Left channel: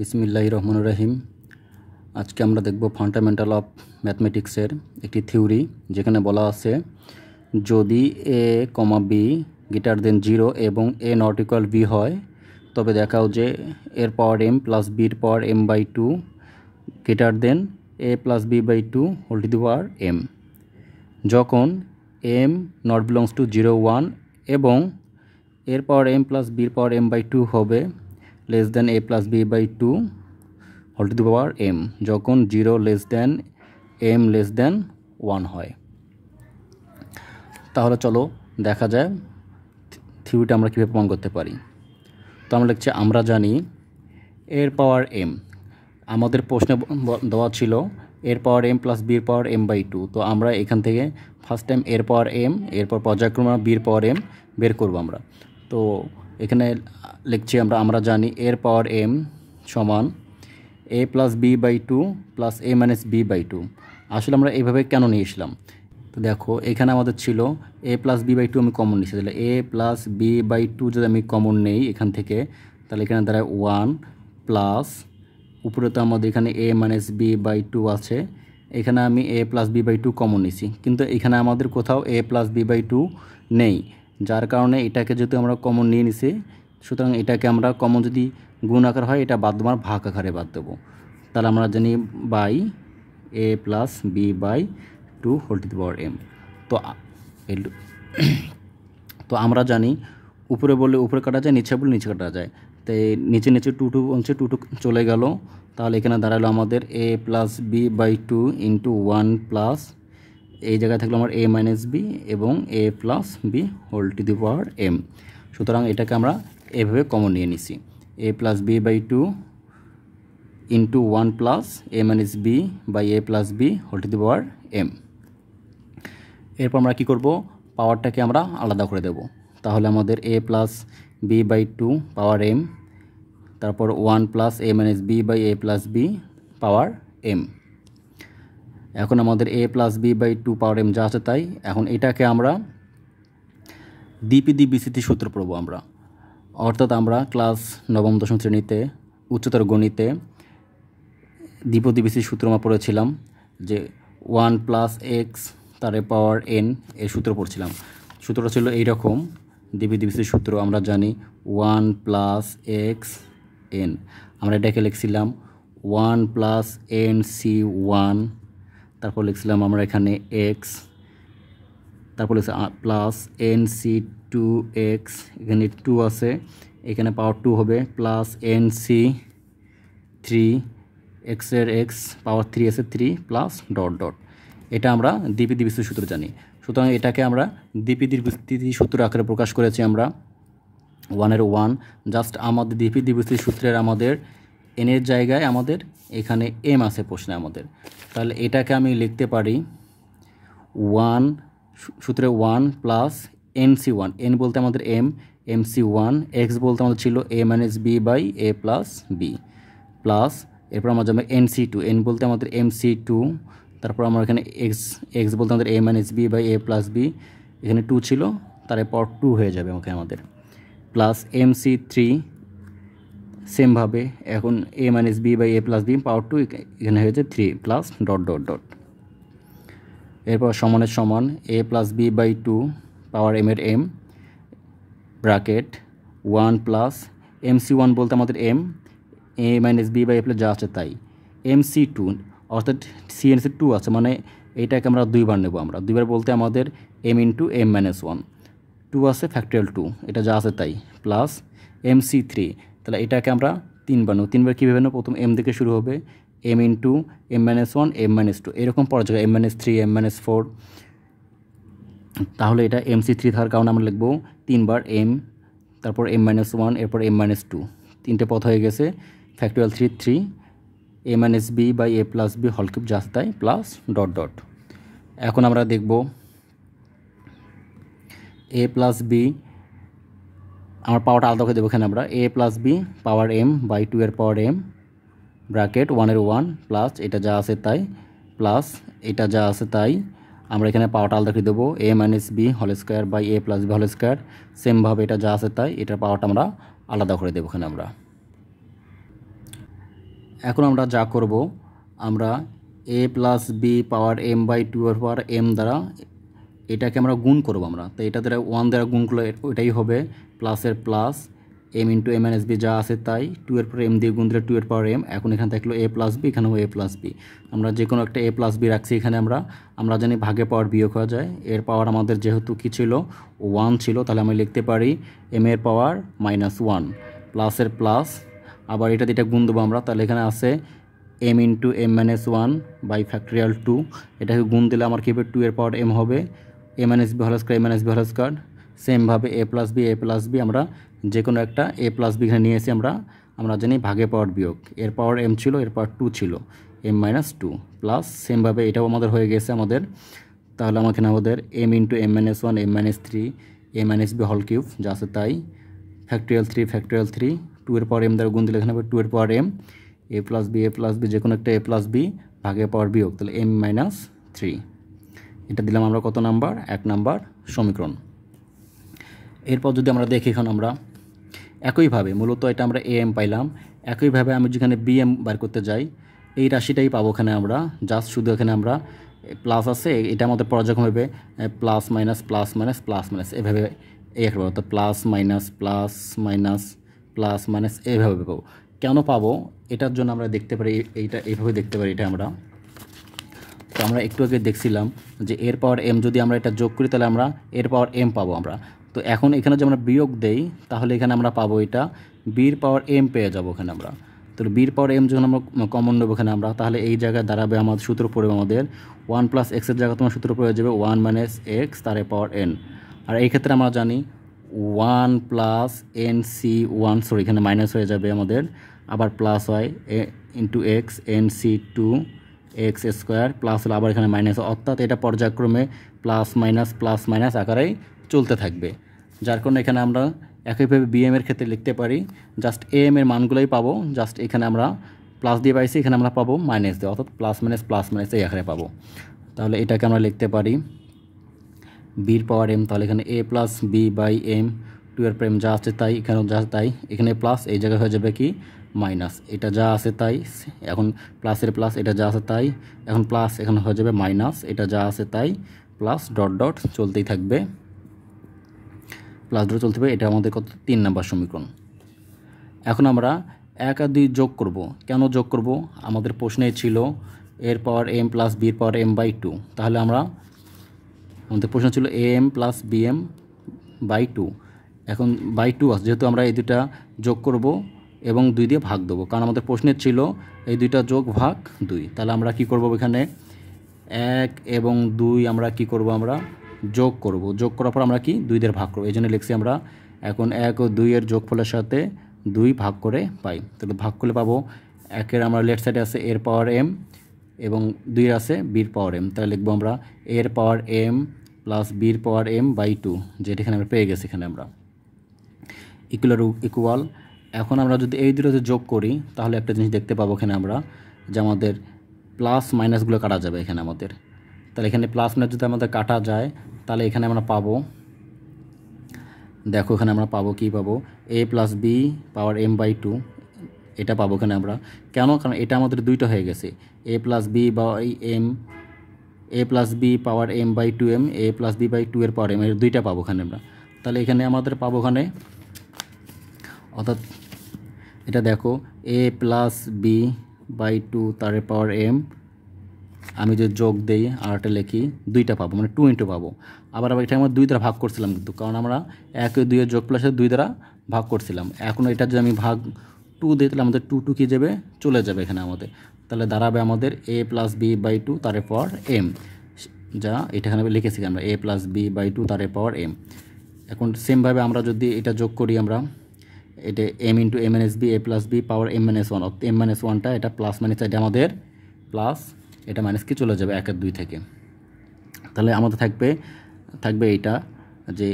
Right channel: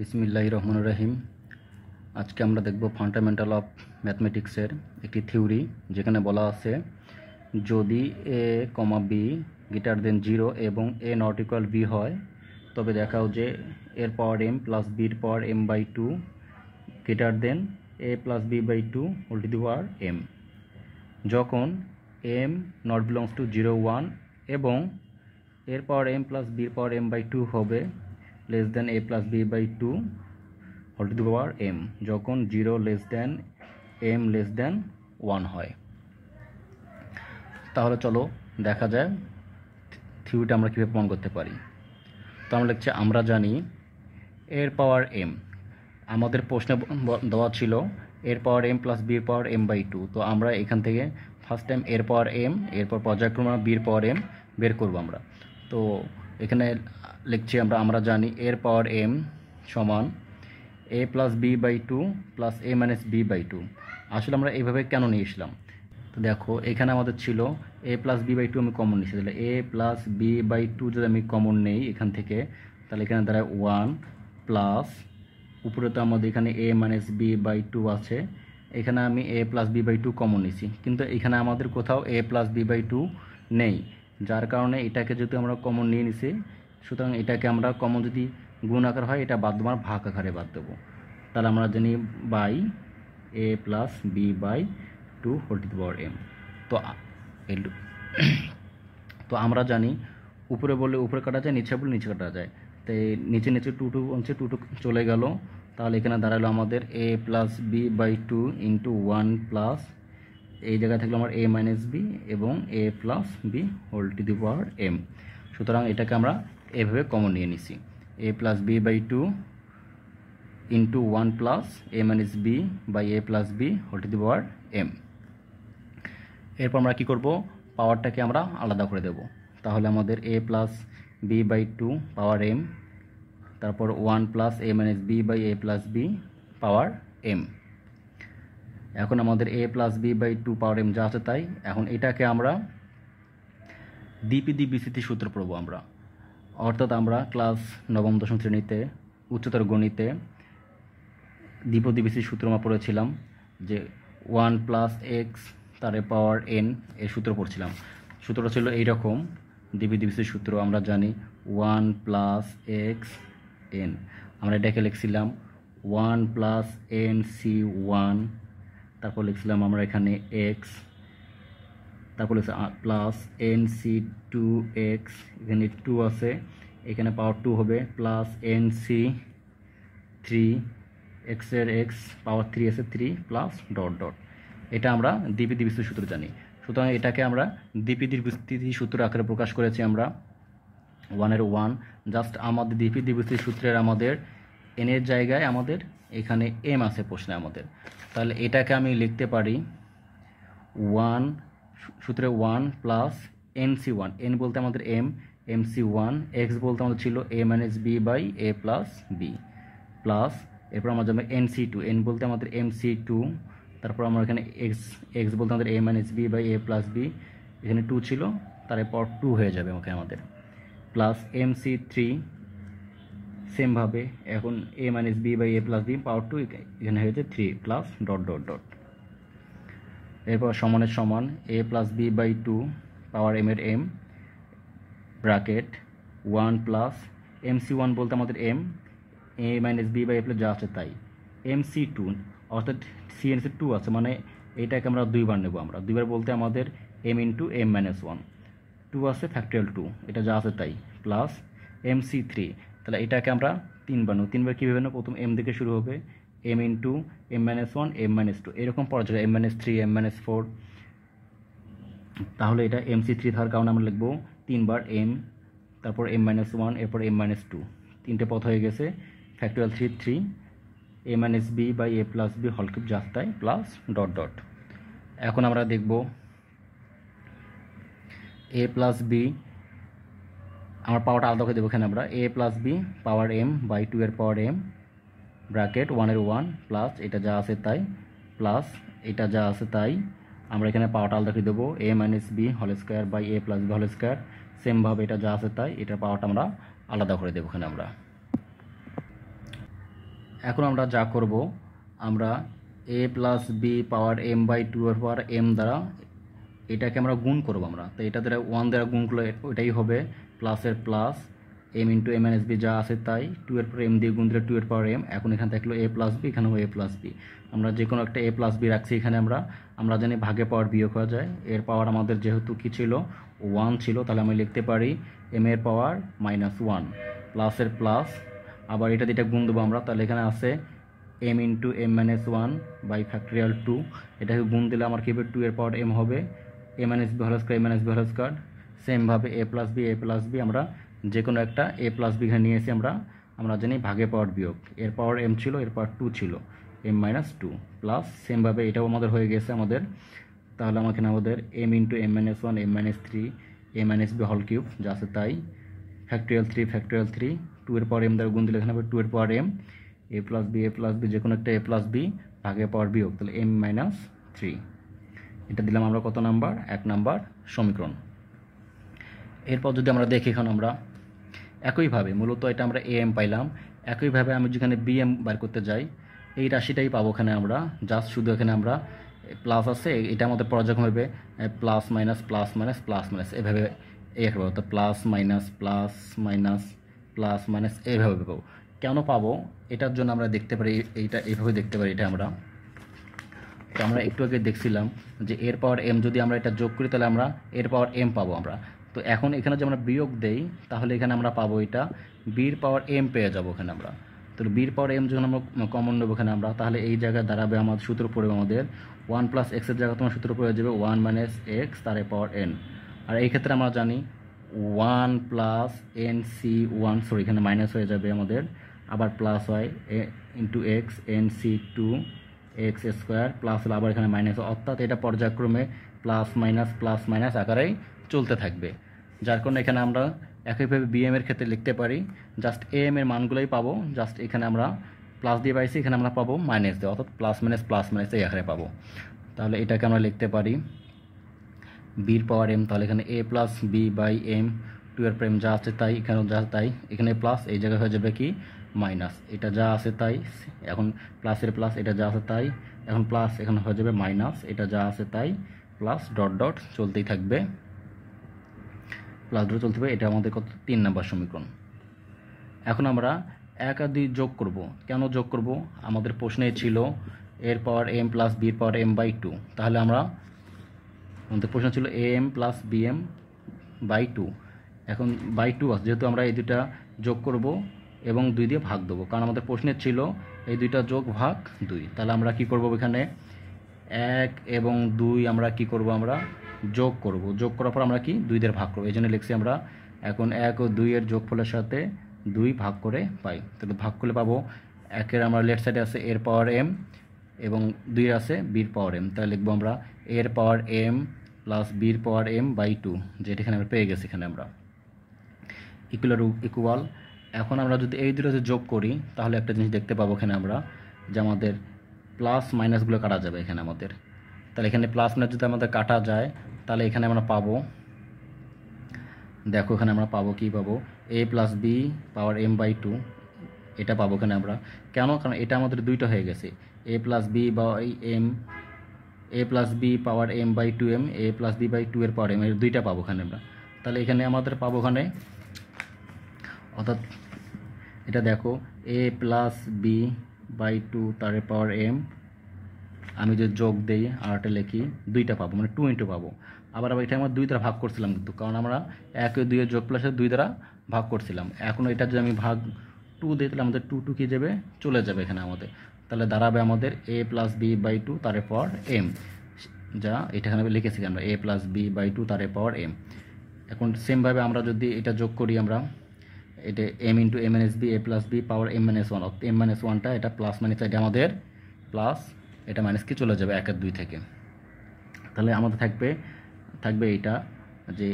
বিসমিল্লাহির রহমানির রহিম। আজকে আমরা দেখব ফান্ডামেন্টাল অফ ম্যাথমেটিক্সের একটি থিওরি, যেখানে বলা আছে যদি a, b গ্রেটার দেন 0 এবং a নট ইকুয়াল b হয়, তবে দেখাও যে এর পাওয়ার m প্লাস বির power m/2 greater than a plus b/2 whole to the power m। যখন m নট বিলংস টু 0, 1 এবং এর পাওয়ার m প্লাস বির পাওয়ার m/2 হবে less than a plus b/2 whole to the power m, যখন 0 less than m less than 1 হয়। তাহলে চলো দেখা যায় থিওরিটা আমরা কীভাবে প্রমাণ করতে পারি। তো আমরা লিখছি, আমরা জানি এর পাওয়ার m, আমাদের প্রশ্নে দেওয়া ছিল এর পাওয়ার m প্লাস বির পাওয়ার m/2। তো আমরা এখান থেকে ফার্স্ট টাইম এর পাওয়ার m, এরপর পর্যায়ক্রমে বির পাওয়ার m বের করব আমরা। তো এখানে লিখছি আমরা জানি এর পাওয়ার m সমান a plus b/2 plus a minus b/2। আসলে আমরা এইভাবে কেন নিয়ে এসলাম, তো দেখো এখানে আমাদের ছিল a প্লাস b/2, আমি কমন নিচ্ছি, তাহলে a প্লাস b/2 যদি আমি কমন নেই এখান থেকে, তাহলে এখানে দাঁড়ায় 1 প্লাস উপরে তো আমাদের এখানে a মাইনাস b/2 আছে, এখানে আমি a প্লাস b/2 কমন নিছি, কিন্তু এখানে আমাদের কোথাও a প্লাস b/2 নেই, যার কারণে এটাকে যেহেতু আমরা কমন নিয়ে নিছি, সুতরাং এটাকে আমরা কমন যদি গুণ আকার হয় এটা বাদ দেওয়ার ভাগ আকারে বাদ দেবো। তাহলে আমরা জানি by a plus b/2 whole to the power m। তো আমরা জানি উপরে বললে উপরে কাটা যায়, নিচে বললে নিচে কাটা যায়, তাই নিচে নিচে টু চলে গেল। তাহলে এখানে দাঁড়ালো আমাদের a plus b/2 into 1 plus এই জায়গায় থাকলো আমার a মাইনাস b এবং a plus b whole to the power m। সুতরাং এটাকে আমরা এভাবে কমন নিয়ে নিছি, a plus b/2 into 1 plus a minus b by a plus b whole to the power m। এরপর আমরা কী করব, পাওয়ারটাকে আমরা আলাদা করে দেব। তাহলে আমাদের a plus b/2 power m, তারপর 1 plus a minus b by a plus b power m। এখন আমাদের a plus b/2 power m যা আছে তাই। এখন এটাকে আমরা দ্বিপদী সূত্র পড়ব আমরা, অর্থাৎ আমরা ক্লাস 9ম 10ম শ্রেণীতে উচ্চতর গণিতে দ্বিপদী সূত্র আমরা পড়েছিলাম, যে 1 প্লাস এক্স তার পাওয়ার n এর সূত্র পড়ছিলাম। সূত্রটা ছিল এইরকম, দ্বিপদী সূত্র আমরা জানি 1 প্লাস এক্স n, আমরা এটাকে লিখছিলাম 1 প্লাস nc1, তারপর লিখছিলাম আমরা এখানে x, তারপর লিখছি প্লাস nc2x, এখানে 2 আছে, এখানে পাওয়ার 2 হবে, প্লাস nc3 x এর x পাওয়ার 3 আছে 3 প্লাস ডট ডট। এটা আমরা দ্বিপদী সূত্র জানি। সুতরাং এটাকে আমরা দ্বিপদী সূত্র আকারে প্রকাশ করেছি আমরা 1-এর 1। জাস্ট আমাদের দ্বিপদী সূত্রের আমাদের n এর জায়গায় আমাদের এখানে m আছে প্রশ্নে আমাদের, তাহলে এটাকে আমি লিখতে পারি 1 সূত্রে 1 প্লাস nc1, n বলতে আমাদের m, mc1, x বলতে আমাদের ছিল a minus b by a plus b, plus এরপর আমরা যাবে nc2, n বলতে আমাদের mc2, তারপর আমরা এখানে x বলতে আমাদের a minus b by a plus b, এখানে 2 ছিল, তারপর 2 হয়ে যাবে আমাদের, প্লাস mc3 সেমভাবে এখন a minus b by a plus b power 2, এখানে হয়েছে 3 প্লাস ডট ডট ডট। এরপর সমানের সমান a plus b/2 power m এর m ব্র্যাকেট 1 প্লাস mc1 বলতে আমাদের m, a minus b by a plus যা আছে তাই, mc2 অর্থাৎ cn 2 আছে, মানে এইটাকে আমরা দুইবার নেব, আমরা দুইবার বলতে আমাদের m ইন্টু m মাইনাস 1, 2 আছে ফ্যাক্টোরিয়াল 2, এটা যা আছে তাই, প্লাস mc3, তাহলে এটাকে আমরা তিনবার নেব। তিনবার কীভাবে নেব, প্রথম m থেকে শুরু হবে, m into m minus 1 m minus 2 এরকম পড়া যাবে, m মাইনাস 3 m মাইনাস 4। তাহলে এটা mc3 থাকার কারণে আমরা লিখব তিনবার m, তারপর m মাইনাস 1, এরপর m মাইনাস 2, তিনটে পথ হয়ে গেছে, factorial 3 a minus b by a plus b whole cube যা তাই প্লাস ডট ডট। এখন আমরা দেখব a প্লাস b, আমার পাওয়ারটা আলাদা করে দেবো এখানে আমরা a plus b power m by 2 এর পাওয়ার m ব্র্যাকেট 1-এর 1 প্লাস এটা যা আছে তাই, প্লাস এটা যা আছে তাই, আমরা এখানে পাওয়ারটা আলাদা করে দেবো a minus b whole square by a plus b whole square, সেমভাবে এটা যা আছে তাই, এটার পাওয়ারটা আমরা আলাদা করে দেবো এখানে আমরা। এখন আমরা যা করব, আমরা a plus B power m by 2 এর পাওয়ার m দ্বারা এটাকে আমরা গুণ করব। আমরা তো এটা দ্বারা 1 দ্বারা গুণ করলে ওইটাই হবে প্লাসের plus m into m minus B, যা আছে তাই 2 এর পর m দিয়ে গুণ দিলে 2 এর পাওয়ার m। এখন এখানে থাকলো a প্লাস বি, এখানেও a প্লাস বি। আমরা যে কোনো একটা a প্লাস বি রাখছি এখানে। আমরা জানি ভাগে পাওয়ার বিয়োগ হয়ে যায়। এর পাওয়ার আমাদের যেহেতু কি ছিল, 1 ছিল, তাহলে আমি লিখতে পারি m এর পাওয়ার -1 প্লাসের প্লাস, আবার এটা দিয়ে এটা গুণ দেবো আমরা। তাহলে এখানে আছে m into m minus 1 by factorial 2। এটাকে গুণ দিলে আমার কী হবে, 2 এর পাওয়ার m হবে a minus B whole square, a minus B whole square. সেমভাবে a প্লাস বি আমরা যে কোনো একটা a প্লাস বি এখানে নিয়ে এসে আমরা জানি ভাগে পাওয়ার বিয়োগ। এর পাওয়ার m ছিল, এর পাওয়ার 2 ছিল, m মাইনাস 2 প্লাস সেমভাবে এটাও আমাদের হয়ে গেছে আমাদের। তাহলে আমাদের m into m minus 1, m minus 3, a minus B whole cube, যা আছে তাই ফ্যাক্টরিয়াল 3, 2 এর পাওয়ার m দ্বারা গুণ দিলে এখানে হবে 2 এর power m, a plus B যে কোনো একটা a প্লাস বি ভাগে পাওয়ার বিয়োগ, তাহলে m মাইনাস 3। এটা দিলাম আমরা কত নাম্বার, 1 নাম্বার সমীকরণ। এরপর যদি আমরা দেখি, এখন আমরা একইভাবে মূলত এটা আমরা am পাইলাম। একইভাবে আমি যেখানে bm বার করতে যাই, এই রাশিটাই পাবো এখানে আমরা। জাস্ট শুধু এখানে আমরা প্লাস আছে, এটা আমাদের পর্যায়ক্রম হবে plus minus plus minus plus minus, এভাবে একভাবে, তো plus minus plus minus plus minus এইভাবে পাবো। কেন পাবো এটার জন্য আমরা দেখতে পারি, এইটা এইভাবে দেখতে পারি। এটা তো আমরা একটু আগে দেখছিলাম যে এর পাওয়ার m যদি আমরা এটা যোগ করি তাহলে আমরা এর পাওয়ার m পাবো আমরা। তো এখন এখানে যদি আমরা বিয়োগ দেই তাহলে এখানে আমরা পাবো এটা বির পাওয়ার m পেয়ে যাবো এখানে আমরা। তো বির পাওয়ার m যখন আমরা কমন নেবো এখানে আমরা, তাহলে এই জায়গায় দাঁড়াবে আমাদের সূত্র পড়বে আমাদের 1 প্লাস এক্সের জায়গায় তোমার সূত্র পড়ে যাবে 1 মাইনাস এক্স তার পাওয়ার n। আর এই ক্ষেত্রে আমরা জানি 1 প্লাস nc1, সরি এখানে মাইনাস হয়ে যাবে আমাদের, আবার প্লাস হয় into x nc2 x square plus হলো আবার এখানে মাইনাস, অর্থাৎ এটা পর্যায়ক্রমে প্লাস মাইনাস আকারেই চলতে থাকবে। যার কারণে এখানে আমরা একইভাবে bm এর ক্ষেত্রে লিখতে পারি, জাস্ট am এর মানগুলোই পাবো। জাস্ট এখানে আমরা প্লাস দিয়ে পাইছি, এখানে আমরা পাবো মাইনাস দিয়ে, অর্থাৎ প্লাস মাইনাস এই আকারে পাবো। তাহলে এটাকে আমরা লিখতে পারি বির পাওয়ার m, তাহলে এখানে a plus B by m, 2 এর প্রেম যা আছে তাই, এখানেও যা আছে তাই, এখানে প্লাস, এই জায়গায় হয়ে যাবে কি মাইনাস, এটা যা আছে তাই, এখন প্লাসের প্লাস, এটা যা আছে তাই, এখন প্লাস, এখানে হয়ে যাবে মাইনাস, এটা যা আছে তাই, প্লাস ডট ডট চলতেই থাকবে, প্লাস ডট চলতে থাকবে। এটা আমাদের কত, 3 নাম্বার সমীকরণ। এখন আমরা 1 আর 2 যোগ করব। কেন যোগ করব, আমাদের প্রশ্নে ছিল এর পাওয়ার m প্লাস বির পাওয়ার m বাই 2। তাহলে আমাদের প্রশ্ন ছিল am প্লাস bm বাই 2, এখন বাই 2 আছে, যেহেতু আমরা এই দুটা যোগ করব এবং 2 দিয়ে ভাগ দেবো, কারণ আমাদের প্রশ্নের ছিল এই দুইটা যোগ ভাগ 2। তাহলে আমরা কি করব, এখানে 1 এবং 2 আমরা কি করব, আমরা যোগ করব। যোগ করার পর আমরা কি 2 দিয়ে ভাগ করব, এই জন্য লিখছি আমরা এখন 1 ও 2 এর যোগফলের সাথে 2 ভাগ করে পাই। তাহলে ভাগ করলে পাবো 1 এর আমরা লেফট সাইডে আছে এর পাওয়ার m এবং 2 এর আছে বির পাওয়ার m। তাহলে লিখবো আমরা এর পাওয়ার m প্লাস বির পাওয়ার m বাই 2, যেটা এখানে আমরা পেয়ে গেছি এখানে আমরা ইকুয়াল। এখন আমরা যদি এই দুটো যোগ করি তাহলে একটা জিনিস দেখতে পাবো এখানে আমরা, যে আমাদের প্লাস মাইনাসগুলো কাটা যাবে এখানে আমাদের। তাহলে এখানে প্লাস মাইনাস যদি আমাদের কাটা যায় তাহলে এখানে আমরা পাবো, দেখো এখানে আমরা পাবো কি পাবো, a plus B power m by 2, এটা পাবো এখানে আমরা। কেন, কারণ এটা আমাদের দুইটা হয়ে গেছে, a plus B by m, a plus B power m by 2m, a plus B by 2 এর পাওয়ার m, এর দুইটা পাবো এখানে আমরা। তাহলে এখানে আমাদের পাবো এখানে, অর্থাৎ এটা দেখো a প্লাস বি বাই 2 তার পাওয়ার m, আমি যে যোগ দেই আর একটা লিখি, দুইটা পাবো, মানে 2 ইন্টু পাবো। আবার এটা আমরা 2 দ্বারা ভাগ করছিলাম কিন্তু, কারণ আমরা 1 ও 2 এর যোগ প্লাসে 2 দ্বারা ভাগ করছিলাম। এখন এটা যদি আমি ভাগ 2 দিই তাহলে আমাদের 2 কী যাবে, চলে যাবে এখানে আমাদের। তাহলে দাঁড়াবে আমাদের a প্লাস বি বাই 2 তার পাওয়ার m, যা এটা এখানে লিখেছি আমরা a প্লাস বি বাই 2 তার পাওয়ার m। এখন সেমভাবে আমরা যদি এটা যোগ করি, আমরা এটা m into m minus B, a plus B power m minus 1, অর্থাৎ m মাইনাস 1টা এটা প্লাস মাইনাস, এটা আমাদের প্লাস, এটা মাইনাস কি চলে যাবে 1 আর 2 থেকে। তাহলে আমাদের থাকবে এইটা যে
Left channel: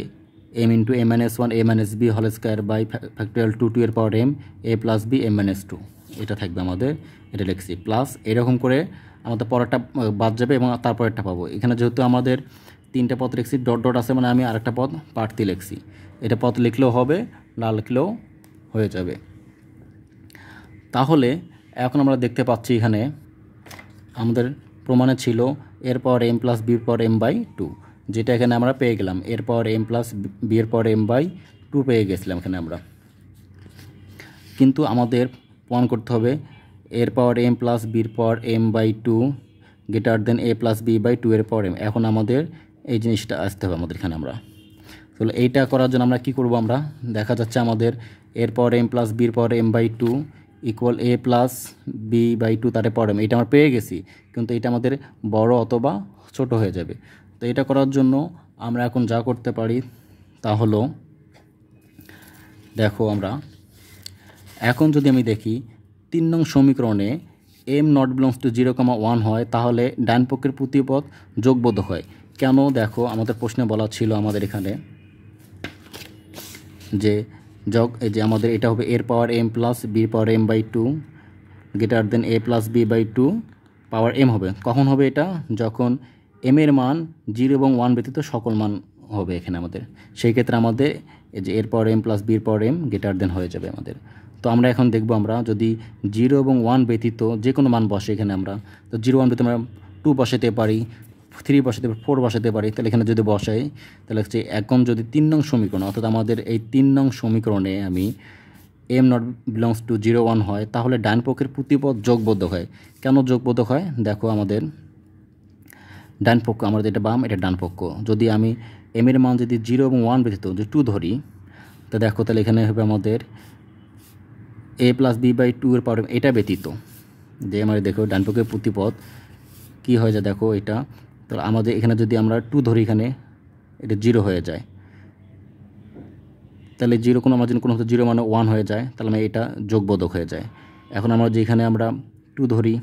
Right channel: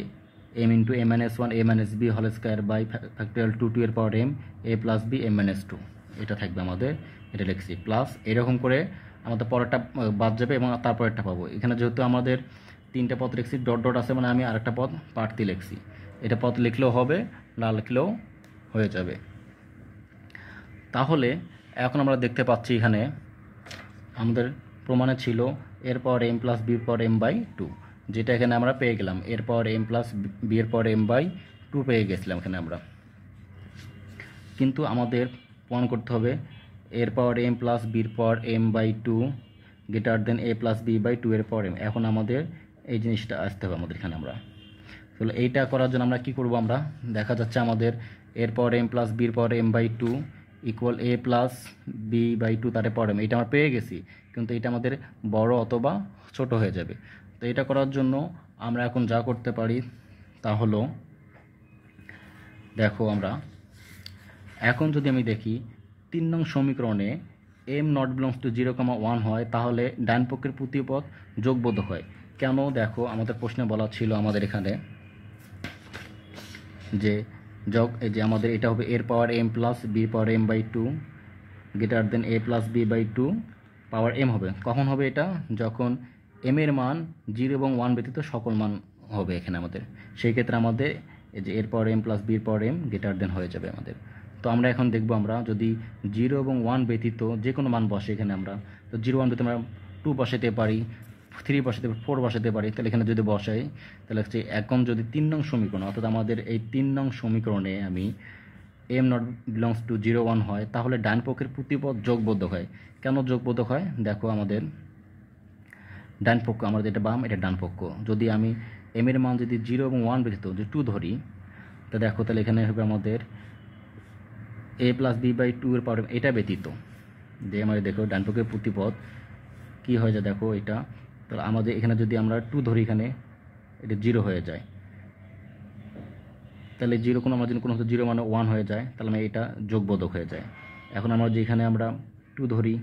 m into m minus 1 a minus B whole square by factorial 2 এর power m, a plus B m minus 2, এটা থাকবে আমাদের, এটা লিখছি প্লাস। এরকম করে আমাদের পরেরটা বাদ যাবে এবং তারপরেরটা পাবো। এখানে যেহেতু আমাদের 3টা পদ লিখছি, ডট ডট আছে, মানে আমি আরেকটা পদ পাঠতে লিখছি, এটা পদ লিখলেও হবে, না লিখলেও হয়ে যাবে। তাহলে এখন আমরা দেখতে পাচ্ছি এখানে আমাদের প্রমাণে ছিল এর পাওয়ার m প্লাস বির পাওয়ার m/2, যেটা এখানে আমরা পেয়ে গেলাম। এর পাওয়ার m প্লাস বি এর পাওয়ার m/2 পেয়ে গেছিলাম এখানে আমরা। কিন্তু আমাদের প্রমাণ করতে হবে এর পাওয়ার m প্লাস বির power m/2 greater than a plus b/2 এর পাওয়ার m। এখন আমাদের এই জিনিসটা আসতে হবে আমাদের এখানে। আমরা তাহলে এইটা করার জন্য আমরা কী করব, আমরা দেখা যাচ্ছে আমাদের এর পাওয়ার m প্লাস বির power m/2 equal a plus b/2 তার পাওয়ার m। এটা আমরা পেয়ে গেছি, কিন্তু এটা আমাদের বড় অথবা ছোট হয়ে যাবে। তো এটা করার জন্য আমরা এখন যা করতে পারি তা হলো, দেখো আমরা এখন যদি আমি দেখি 3 নং সমীকরণে m নট বিলংস টু 0,1 হয়, তাহলে ডান পক্ষের প্রতিপদ যোগবোধক হয়। কেন? দেখো আমাদের প্রশ্নে বলা ছিল আমাদের এখানে যে এই যে আমাদের এটা হবে এর পাওয়ার m প্লাস বির power m/2 greater than a plus b/2 power m হবে। কখন হবে এটা? যখন m এর মান 0 এবং 1 ব্যতীত সকল মান হবে এখানে আমাদের। সেই ক্ষেত্রে আমাদের এই যে এর পাওয়ার m প্লাস বির পাওয়ার m গ্রেটার দেন হয়ে যাবে আমাদের। তো আমরা এখন দেখব আমরা যদি 0 এবং 1 ব্যতীত যে কোনো মান বসে এখানে আমরা, তো 0 1 ব্যতীত আমরা 2 বসাতে পারি, 3 বসাতে পারি, 4 বসাতে পারি। তাহলে এখানে যদি বসাই তাহলে হচ্ছে এখন যদি 3 নং সমীকরণ, অর্থাৎ আমাদের এই 3 নং সমীকরণে আমি m নট বিলংস টু 0 1 হয়, তাহলে ডান পক্ষের প্রতিপদ যোগবোধক হয়। কেন যোগবোধক হয়? দেখো আমাদের ডান পক্ষ, আমাদের এটা বাম, এটা ডান পক্ষ। যদি আমি m এর মান যদি 0 এবং 1 ব্যতীত যে 2 ধরি, তো দেখো তাহলে এখানে হবে আমাদের a প্লাস b/2 এর পাওয়ার এটা ব্যতীত যে আমাদের দেখো ডান পক্ষের প্রতিপদ কী হয়ে যায়, দেখো এটা। তাহলে আমাদের এখানে যদি আমরা 2 ধরি, এখানে এটা 0 হয়ে যায়। তাহলে 0 কোনো আমার জন্য কোনো 0 মানে 1 হয়ে যায়, তাহলে আমি এটা যোগবোধক হয়ে যায়। এখন আমরা যেখানে আমরা 2 ধরি,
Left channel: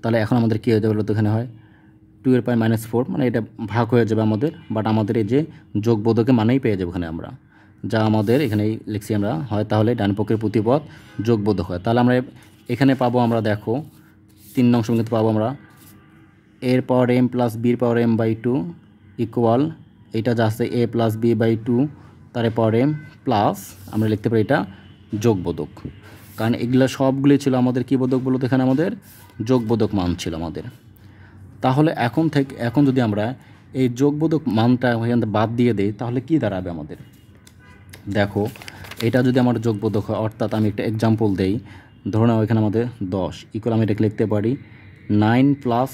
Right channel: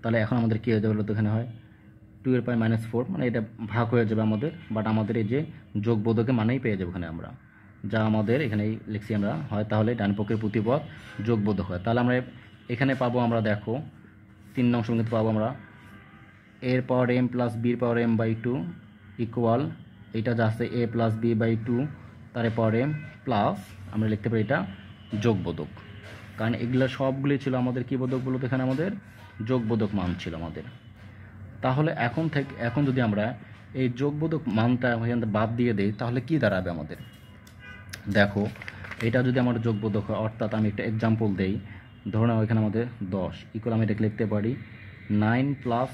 তাহলে এখন আমাদের কী হয়ে যাবে বলতো, এখানে হয় 2 এর পাওয়ার -4, মানে এটা ভাগ হয়ে যাবে আমাদের। বাট আমাদের এই যে যোগবোধকের মানেই পেয়ে যাবো এখানে আমরা, যা আমাদের এখানেই লিখছি আমরা হয়। তাহলে ডান পক্ষের প্রতিপদ যোগবোধক হয়। তাহলে আমরা এখানে পাবো, আমরা দেখো 3 নং সমীকরণে পাবো আমরা এর পাওয়ার m প্লাস বির পাওয়ার m/2 ইকুয়াল এটা যা আছে a প্লাস b/2 তার পাওয়ার m প্লাস আমরা লিখতে পারি এটা যোগবোধক। কারণ এগুলো সবগুলি ছিল আমাদের কী বোধক বলতো, এখানে আমাদের যোগবোধক মান ছিল আমাদের। তাহলে এখন যদি আমরা এই যোগবোধক মানটা এখানে বাদ দিয়ে দিই, তাহলে কি দাঁড়াবে আমাদের? দেখো এটা যদি আমার যোগবোধক হয়, অর্থাৎ আমি একটা এক্সাম্পল দেই, ধরো না এখানে আমাদের 10 ইকুয়াল আমি এটাকে লিখতে পারি 9 প্লাস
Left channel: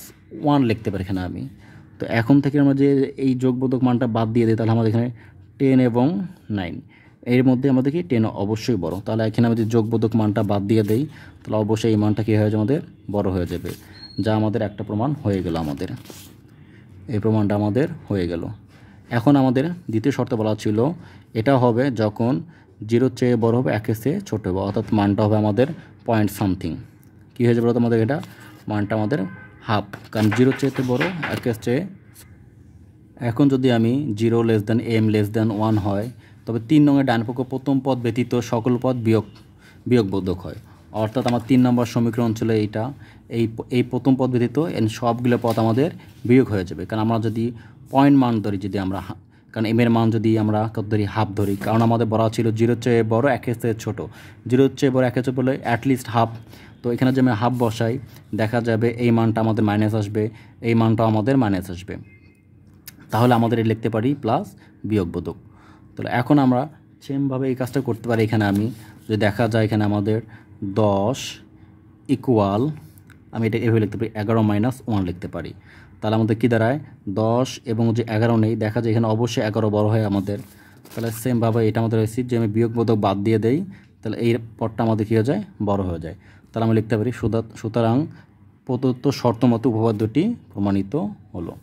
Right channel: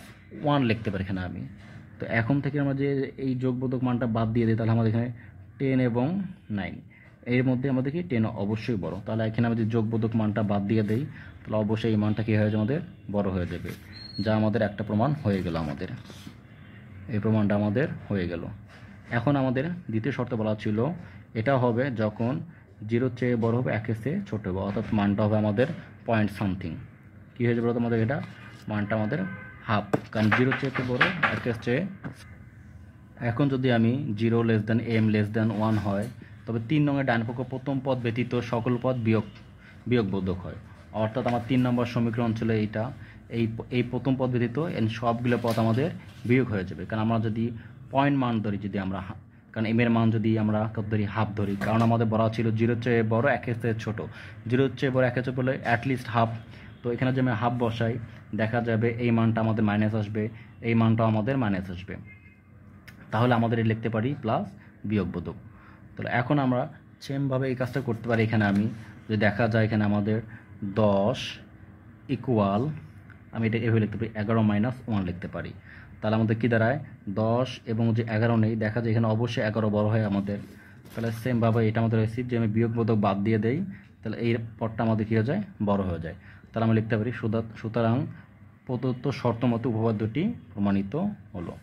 1 লিখতে পারি এখানে আমি। তো এখন থেকে আমরা যে এই যোগবোধক মানটা বাদ দিয়ে দিই, তাহলে আমাদের এখানে 10 এবং 9 এর মধ্যে আমাদের কি 10 অবশ্যই বড়। তাহলে এখানে আমি যদি যোগবোধক মানটা বাদ দিয়ে দিই, তাহলে অবশ্যই এই মানটা কী হয়ে যাবে, আমাদের বড় হয়ে যাবে। যা আমাদের একটা প্রমাণ হয়ে গেল, আমাদের এই প্রমাণটা আমাদের হয়ে গেল। এখন আমাদের দ্বিতীয় শর্ত বলা ছিল এটা হবে যখন 0 চেয়ে বড় হবে, 1 চেয়ে ছোট হবে, অর্থাৎ মানটা হবে আমাদের পয়েন্ট সামথিং। কী হয়ে যাবে আমাদের এটা মানটা আমাদের হাফ, কারণ 0 চেয়ে বড় 1 চেয়ে। এখন যদি আমি 0 less than m less than 1 হয়, তবে 3 নংয়ের ডান পক্ষ প্রথম পদ ব্যতীত সকল পদ বিয়োগবোধক হয়। অর্থাৎ আমার 3 নম্বর সমীকরণ ছিল এইটা, এই প্রথম পদ ব্যতীত সবগুলো পদ আমাদের বিয়োগ হয়ে যাবে। কারণ আমরা যদি পয়েন্ট মান ধরি, যদি আমরা কারণ m এর মান যদি আমরা কত ধরি, হাফ ধরি, কারণ আমাদের বলা ছিল 0 চেয়ে বড় 1 চেয়ে ছোটো, 0 চেয়ে বড় 1 চেয়ে বলে অ্যাটলিস্ট হাফ। তো এখানে যে আমি হাফ বসাই, দেখা যাবে এই মানটা আমাদের মাইনাস আসবে, এই মানটাও আমাদের মাইনাস আসবে। তাহলে আমাদের লিখতে পারি প্লাস বিয়োগবোধক। তাহলে এখন আমরা সেমভাবে এই কাজটা করতে পারি। এখানে আমি যদি দেখা যায় এখানে আমাদের 10 ইকুয়াল আমি এটা এভাবে লিখতে পারি 11 মাইনাস 1 লিখতে পারি। তাহলে আমাদের কী দাঁড়ায় 10 এবং যে 11 নেই, দেখা যায় এখানে অবশ্যই 11 বড় হয় আমাদের। তাহলে সেমভাবে এটা আমাদের রেসিভ যে আমি বিয়োগবোধক বাদ দিয়ে দেই, তাহলে এই পদটা আমাদের কী হয়ে যায়, বড় হয়ে যায়। তাহলে আমি লিখতে পারি সুতরাং প্রদত্ত শর্ত মতো উপপাদ্যটি প্রমাণিত হলো।